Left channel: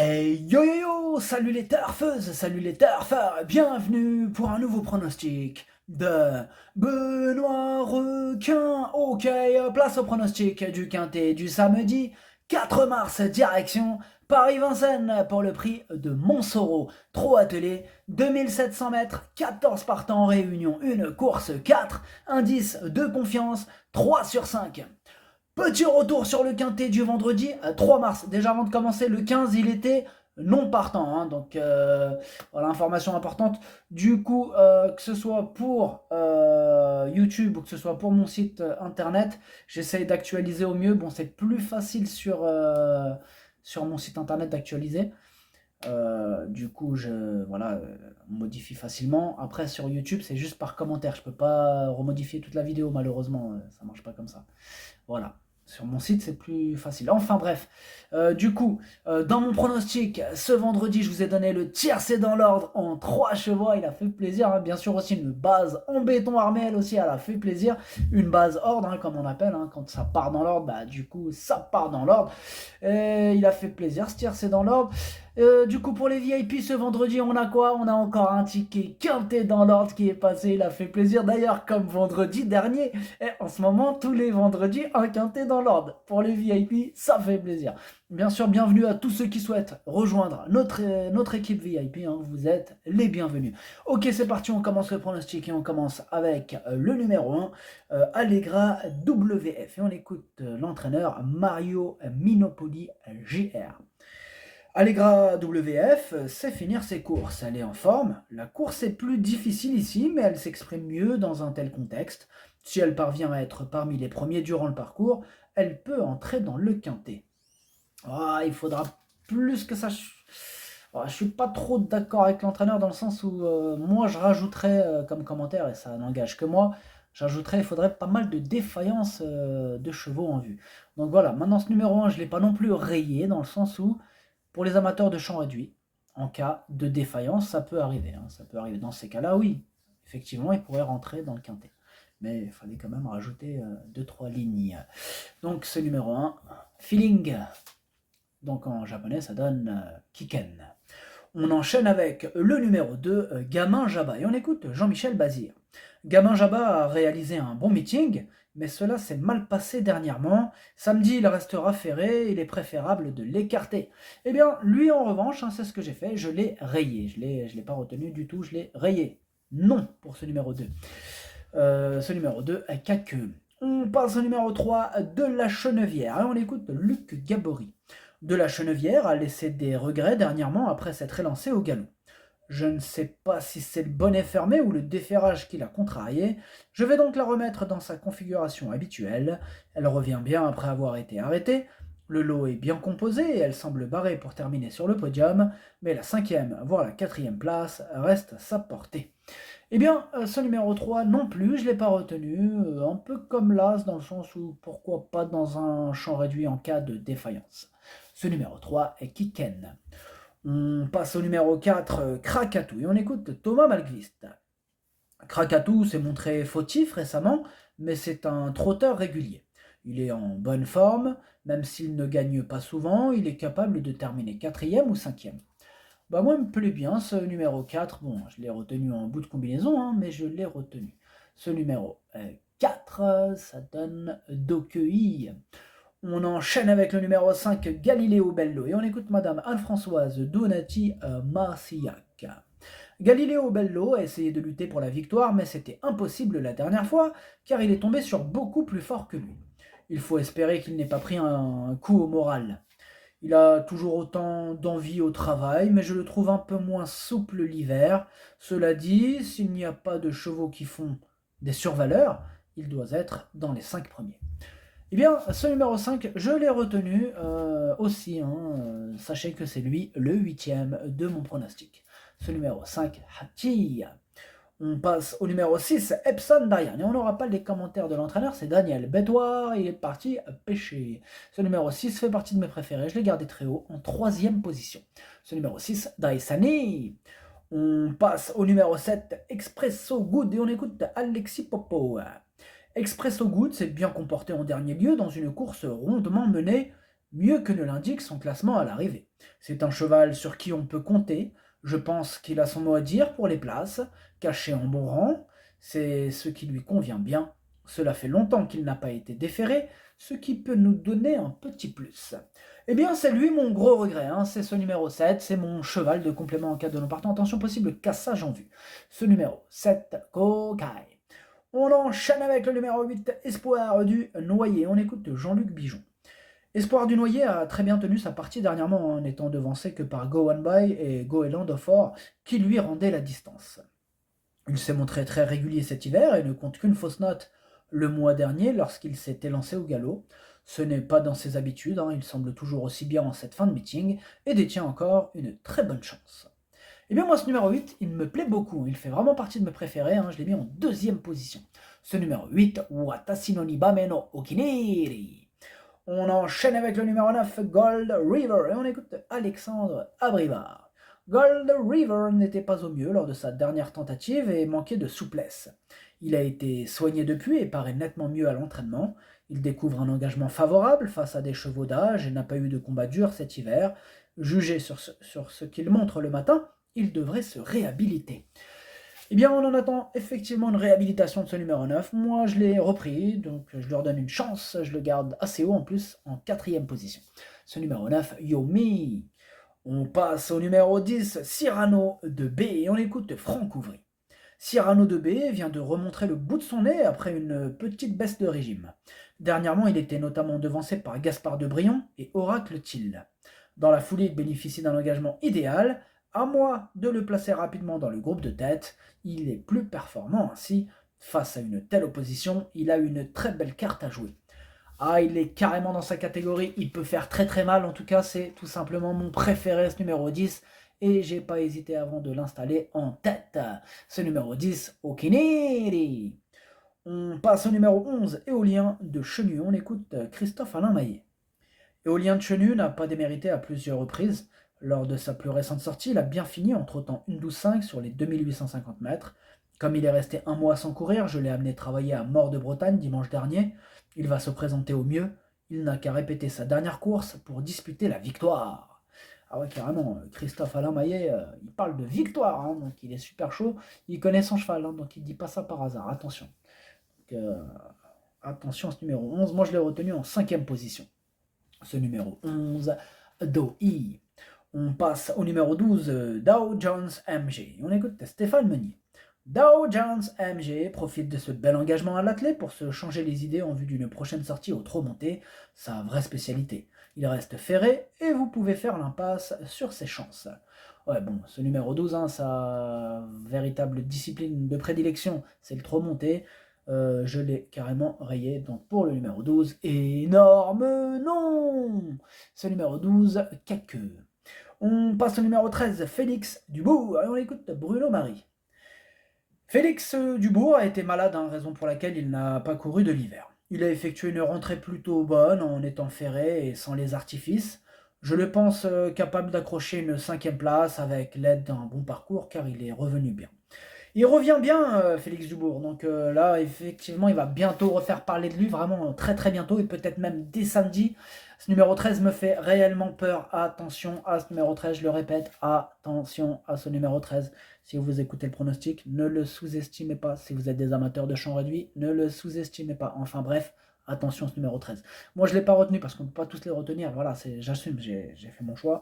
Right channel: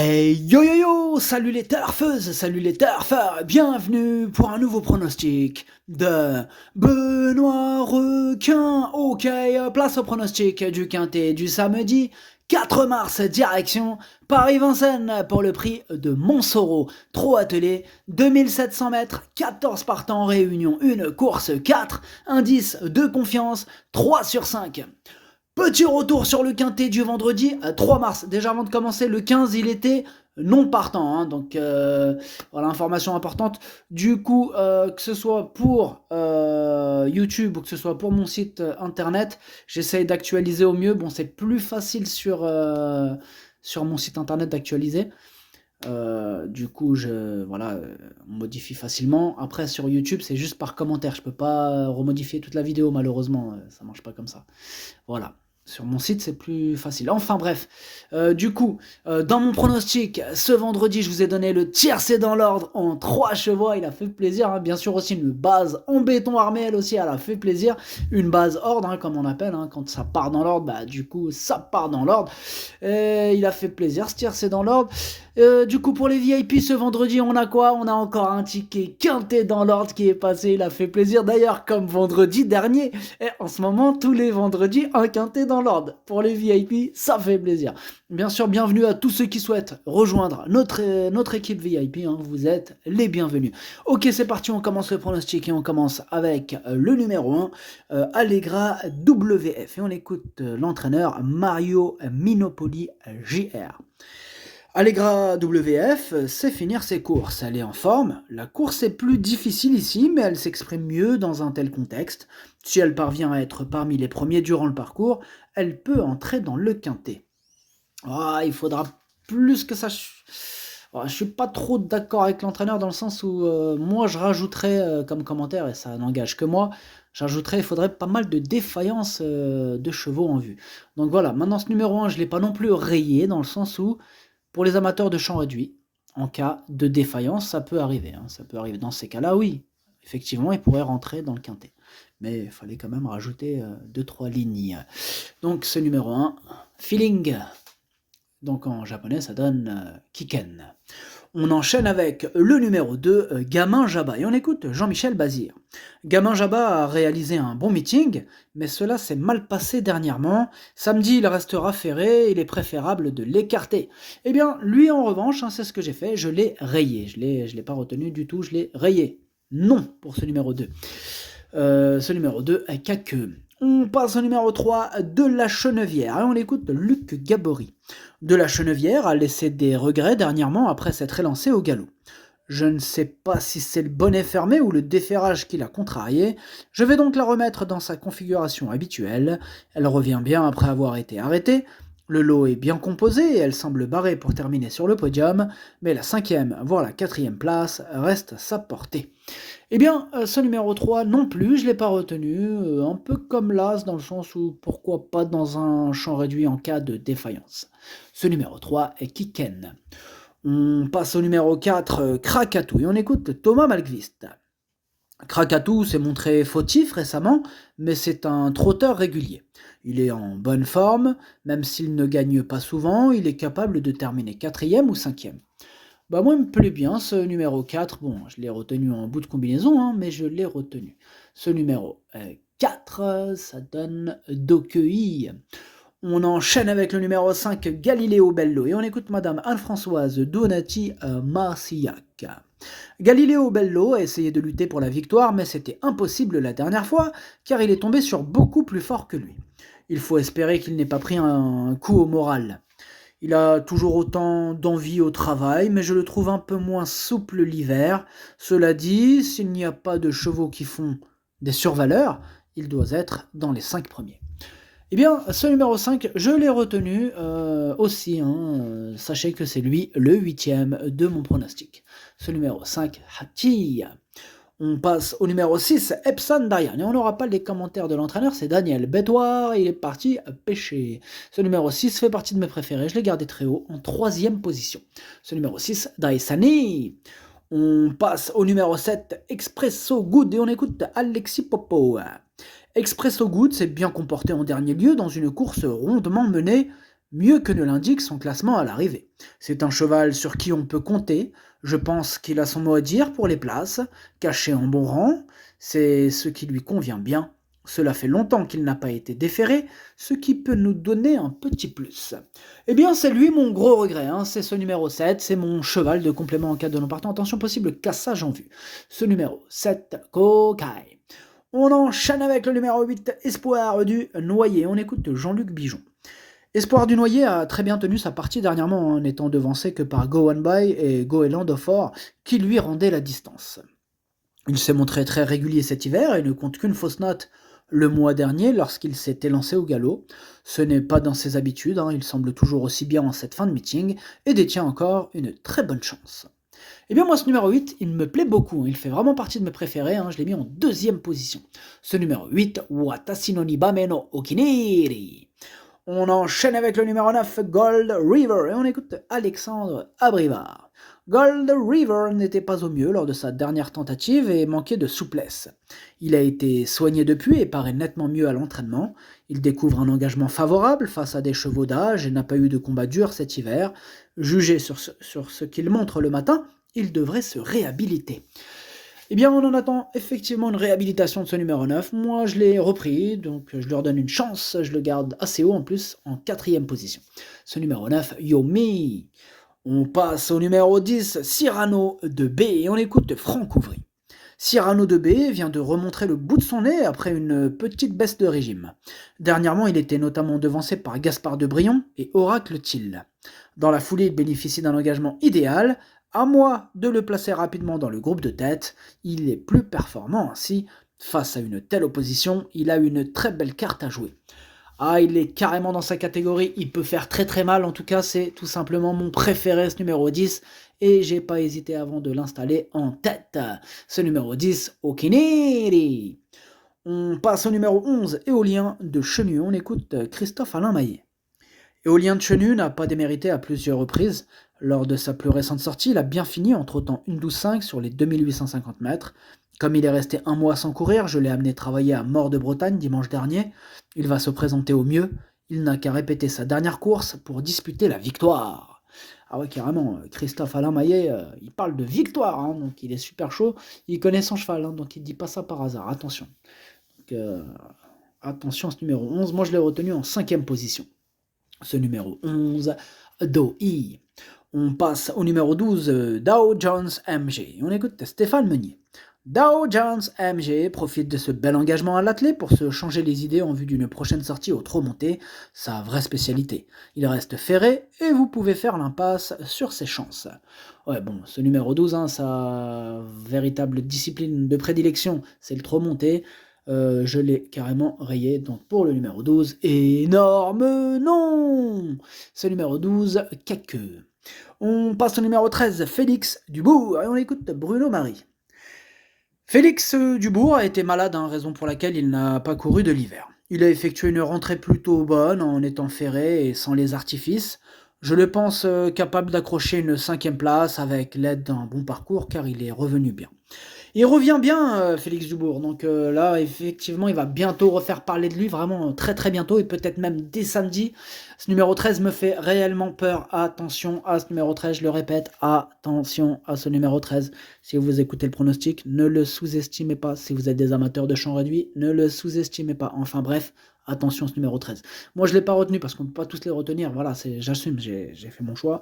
Hey yo yo yo, salut les turfeuses, salut les turfeurs, bienvenue pour un nouveau pronostic de Benoît Requin. Ok, place au pronostic du quintet du samedi 4 mars, direction Paris-Vincennes pour le prix de Montsoreau. Trop attelé, 2700 mètres, 14 partants en réunion, une course 4, indice de confiance 3 sur 5. Petit retour sur le quintet du vendredi 3 mars. Déjà avant de commencer, le 15, il était non partant. Donc voilà, information importante. Du coup, que ce soit pour YouTube ou que ce soit pour mon site internet, j'essaye d'actualiser au mieux. Bon, c'est plus facile sur mon site internet d'actualiser. Du coup, on modifie facilement. Après, sur YouTube, c'est juste par commentaire. Je peux pas remodifier toute la vidéo, malheureusement. Ça marche pas comme ça. Voilà. Sur mon site, c'est plus facile. Enfin bref, dans mon pronostic, ce vendredi, je vous ai donné le tiercé dans l'ordre en 3 chevaux. Il a fait plaisir. Hein. Bien sûr aussi une base en béton armé, elle aussi, elle a fait plaisir. Une base ordre, comme on appelle. Quand ça part dans l'ordre, du coup, ça part dans l'ordre. Il a fait plaisir, ce tiercé dans l'ordre. Du coup, pour les VIP, ce vendredi, on a quoi? On a encore un ticket quintet dans l'ordre qui est passé. Il a fait plaisir. D'ailleurs, comme vendredi dernier. Et en ce moment, tous les vendredis, un quintet dans l'ordre. Pour les VIP, ça fait plaisir. Bien sûr, bienvenue à tous ceux qui souhaitent rejoindre notre équipe VIP. Vous êtes les bienvenus. Ok, c'est parti, on commence le pronostic et on commence avec le numéro 1, Allegra WF. Et on écoute l'entraîneur Mario Minopoli JR. Allegra WF sait finir ses courses, elle est en forme. La course est plus difficile ici, mais elle s'exprime mieux dans un tel contexte. Si elle parvient à être parmi les premiers durant le parcours, elle peut entrer dans le quintet. Il faudra plus que ça. Je suis pas trop d'accord avec l'entraîneur dans le sens où moi je rajouterais comme commentaire, et ça n'engage que moi, il faudrait pas mal de défaillances de chevaux en vue. Donc voilà, maintenant ce numéro 1, je ne l'ai pas non plus rayé dans le sens où pour les amateurs de champ réduit, en cas de défaillance, ça peut arriver. Ça peut arriver dans ces cas-là, oui. Effectivement, il pourrait rentrer dans le quintet. Mais il fallait quand même rajouter 2-3 lignes. Donc ce numéro 1, Feeling. Donc en japonais, ça donne Kiken. On enchaîne avec le numéro 2, Gamin Jabba. Et on écoute Jean-Michel Bazir. Gamin Jabba a réalisé un bon meeting, mais cela s'est mal passé dernièrement. Samedi, il restera ferré, il est préférable de l'écarter. Eh bien, lui en revanche, c'est ce que j'ai fait, je l'ai rayé. Je l'ai pas retenu du tout, je l'ai rayé. Non pour ce numéro 2. Ce numéro 2, Kakeu. On passe au numéro 3, De la Chenevière. Et on écoute Luc Gabory. De la Chenevière a laissé des regrets dernièrement après s'être élancé au galop. Je ne sais pas si c'est le bonnet fermé ou le déferrage qui l'a contrarié. Je vais donc la remettre dans sa configuration habituelle. Elle revient bien après avoir été arrêtée. Le lot est bien composé et elle semble barrée pour terminer sur le podium, mais la 5e, voire la 4e place reste à sa portée. Eh bien, ce numéro 3 non plus, je ne l'ai pas retenu, un peu comme l'As dans le sens où pourquoi pas dans un champ réduit en cas de défaillance. Ce numéro 3 est Kiken. On passe au numéro 4, Krakatou, et on écoute Thomas Malgvist. Krakatou s'est montré fautif récemment, mais c'est un trotteur régulier. Il est en bonne forme, même s'il ne gagne pas souvent, il est capable de terminer 4e ou 5e. Moi, il me plaît bien ce numéro 4. Bon, je l'ai retenu en bout de combinaison, mais je l'ai retenu. Ce numéro 4, ça donne Dokei. On enchaîne avec le numéro 5, Galileo Bello. Et on écoute Madame Anne-Françoise Donati Marcillac. Galileo Bello a essayé de lutter pour la victoire, mais c'était impossible la dernière fois, car il est tombé sur beaucoup plus fort que lui. Il faut espérer qu'il n'ait pas pris un coup au moral. Il a toujours autant d'envie au travail, mais je le trouve un peu moins souple l'hiver. Cela dit, s'il n'y a pas de chevaux qui font des survaleurs, il doit être dans les 5 premiers. Eh bien, ce numéro 5, je l'ai retenu aussi. Sachez que c'est lui le 8e de mon pronostic. Ce numéro 5, Hati. On passe au numéro 6, Epson Diane. Et on n'aura pas les commentaires de l'entraîneur, c'est Daniel Bédoire, il est parti pêcher. Ce numéro 6 fait partie de mes préférés, je l'ai gardé très haut, en 3e position. Ce numéro 6, Daisani. On passe au numéro 7, Expresso Good, et on écoute Alexis Popo. Expresso Good s'est bien comporté en dernier lieu dans une course rondement menée, mieux que ne l'indique son classement à l'arrivée. C'est un cheval sur qui on peut compter, je pense qu'il a son mot à dire pour les places, caché en bon rang, c'est ce qui lui convient bien. Cela fait longtemps qu'il n'a pas été déféré, ce qui peut nous donner un petit plus. Eh bien, c'est lui mon gros regret, hein. C'est ce numéro 7, c'est mon cheval de complément en cas de non partant. Attention, possible cassage en vue. Ce numéro 7, Kokai. On enchaîne avec le numéro 8, Espoir du Noyer. On écoute Jean-Luc Bijon. Espoir du Noyer a très bien tenu sa partie dernièrement, en étant devancé que par Go One By et Goéland of Or, qui lui rendaient la distance. Il s'est montré très régulier cet hiver et ne compte qu'une fausse note le mois dernier lorsqu'il s'était lancé au galop. Ce n'est pas dans ses habitudes, hein, il semble toujours aussi bien en cette fin de meeting et détient encore une très bonne chance. Eh bien moi ce numéro 8, il me plaît beaucoup, il fait vraiment partie de mes préférés, hein, je l'ai mis en deuxième position. Ce numéro 8, Watashi no Nibame no Okiniri. On enchaîne avec le numéro 9, Gold River, et on écoute Alexandre Abrivard. Gold River n'était pas au mieux lors de sa dernière tentative et manquait de souplesse. Il a été soigné depuis et paraît nettement mieux à l'entraînement. Il découvre un engagement favorable face à des chevaux d'âge et n'a pas eu de combat dur cet hiver. Jugé sur ce qu'il montre le matin, il devrait se réhabiliter. Eh bien, on en attend effectivement une réhabilitation de ce numéro 9. Moi, je l'ai repris, donc je leur donne une chance. Je le garde assez haut en plus, en quatrième position. Ce numéro 9, Yomi. On passe au numéro 10, Cyrano de B, et on écoute Franck Ouvry. Cyrano de B vient de remontrer le bout de son nez après une petite baisse de régime. Dernièrement, il était notamment devancé par Gaspard de Brion et Oracle Thiel. Dans la foulée, il bénéficie d'un engagement idéal. À moi de le placer rapidement dans le groupe de tête, il est plus performant ainsi. Face à une telle opposition, il a une très belle carte à jouer. Ah, il est carrément dans sa catégorie, il peut faire très très mal, en tout cas c'est tout simplement mon préféré ce numéro 10, et j'ai pas hésité avant de l'installer en tête. Ce numéro 10, Okiniri. On passe au numéro 11, Éolien de Chenu, on écoute Christophe Alain Maillet. Éolien de Chenu n'a pas démérité à plusieurs reprises. Lors de sa plus récente sortie, il a bien fini en trottant une 12,5 sur les 2850 mètres. Comme il est resté un mois sans courir, je l'ai amené travailler à Mort de Bretagne dimanche dernier. Il va se présenter au mieux. Il n'a qu'à répéter sa dernière course pour disputer la victoire. Ah ouais, carrément, Christophe Alain Maillet, il parle de victoire, hein, donc il est super chaud. Il connaît son cheval, hein, donc il ne dit pas ça par hasard, attention. Donc, attention à ce numéro 11, moi je l'ai retenu en 5e position. Ce numéro 11, Doi. On passe au numéro 12, Dow Jones MG. On écoute Stéphane Meunier. Dow Jones MG profite de ce bel engagement à l'athlète pour se changer les idées en vue d'une prochaine sortie au trot monté, sa vraie spécialité. Il reste ferré et vous pouvez faire l'impasse sur ses chances. Ouais, bon, ce numéro 12, hein, sa véritable discipline de prédilection, c'est le trot monté. Je l'ai carrément rayé, donc pour le numéro 12, énorme non. Ce numéro 12, Caqueux. On passe au numéro 13, Félix Dubourg, et on écoute Bruno Marie. Félix Dubourg a été malade, hein, raison pour laquelle il n'a pas couru de l'hiver. Il a effectué une rentrée plutôt bonne en étant ferré et sans les artifices. Je le pense capable d'accrocher une 5e place avec l'aide d'un bon parcours car il est revenu bien. Il revient bien, Félix Dubourg, donc là, effectivement, il va bientôt refaire parler de lui, vraiment très très bientôt, et peut-être même dès samedi. Ce numéro 13 me fait réellement peur. Attention à ce numéro 13, je le répète, attention à ce numéro 13. Si vous écoutez le pronostic, ne le sous-estimez pas. Si vous êtes des amateurs de champ réduit, ne le sous-estimez pas. Enfin bref, attention à ce numéro 13. Moi, je ne l'ai pas retenu parce qu'on ne peut pas tous les retenir. Voilà, j'assume, j'ai fait mon choix.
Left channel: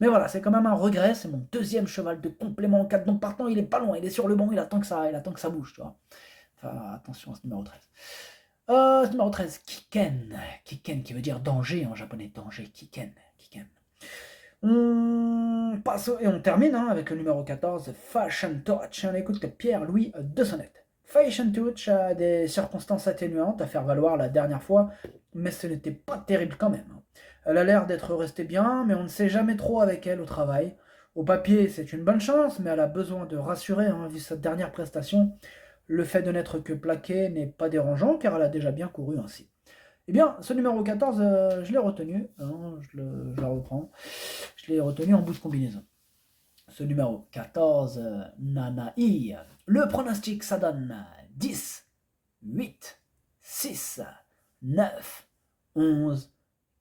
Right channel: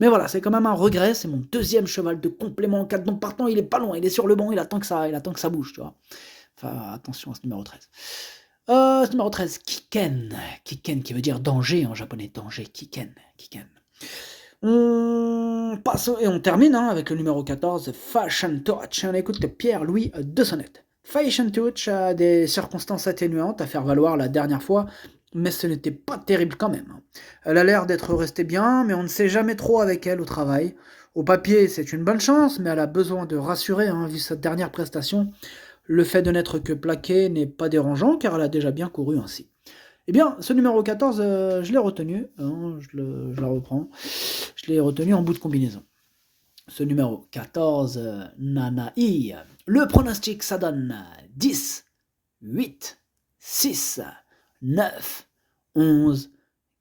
Mais voilà, c'est quand même un regret. C'est mon deuxième cheval de complément en 4. Donc partant, il est pas loin. Il est sur le banc. Il attend que ça bouge, tu vois. Enfin, attention à ce numéro 13. Ce numéro 13, Kiken. Kiken qui veut dire danger en japonais. Danger, Kiken. On passe et on termine avec le numéro 14, Fashion Touch. On écoute Pierre-Louis de Sonnette. Fashion Touch a des circonstances atténuantes à faire valoir la dernière fois, mais ce n'était pas terrible quand même. Elle a l'air d'être restée bien, mais on ne sait jamais trop avec elle au travail. Au papier, c'est une bonne chance, mais elle a besoin de rassurer, vu sa dernière prestation. Le fait de n'être que plaqué n'est pas dérangeant, car elle a déjà bien couru ainsi. Eh bien, ce numéro 14, je l'ai retenu, je la reprends, je l'ai retenu en bout de combinaison. Ce numéro 14, Nanaï, le pronostic, ça donne 10, 8, 6, 9, 11,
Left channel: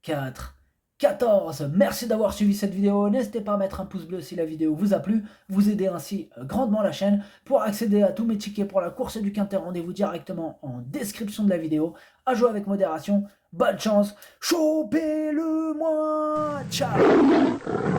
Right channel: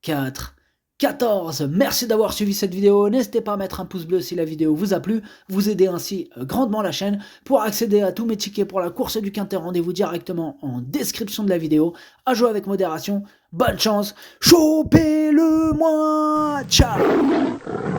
4, 14. Merci d'avoir suivi cette vidéo. N'hésitez pas à mettre un pouce bleu si la vidéo vous a plu. Vous aidez ainsi grandement la chaîne. Pour accéder à tous mes tickets pour la course du Quintet, rendez-vous directement en description de la vidéo. À jouer avec modération. Bonne chance. Chopez-le moi. Ciao.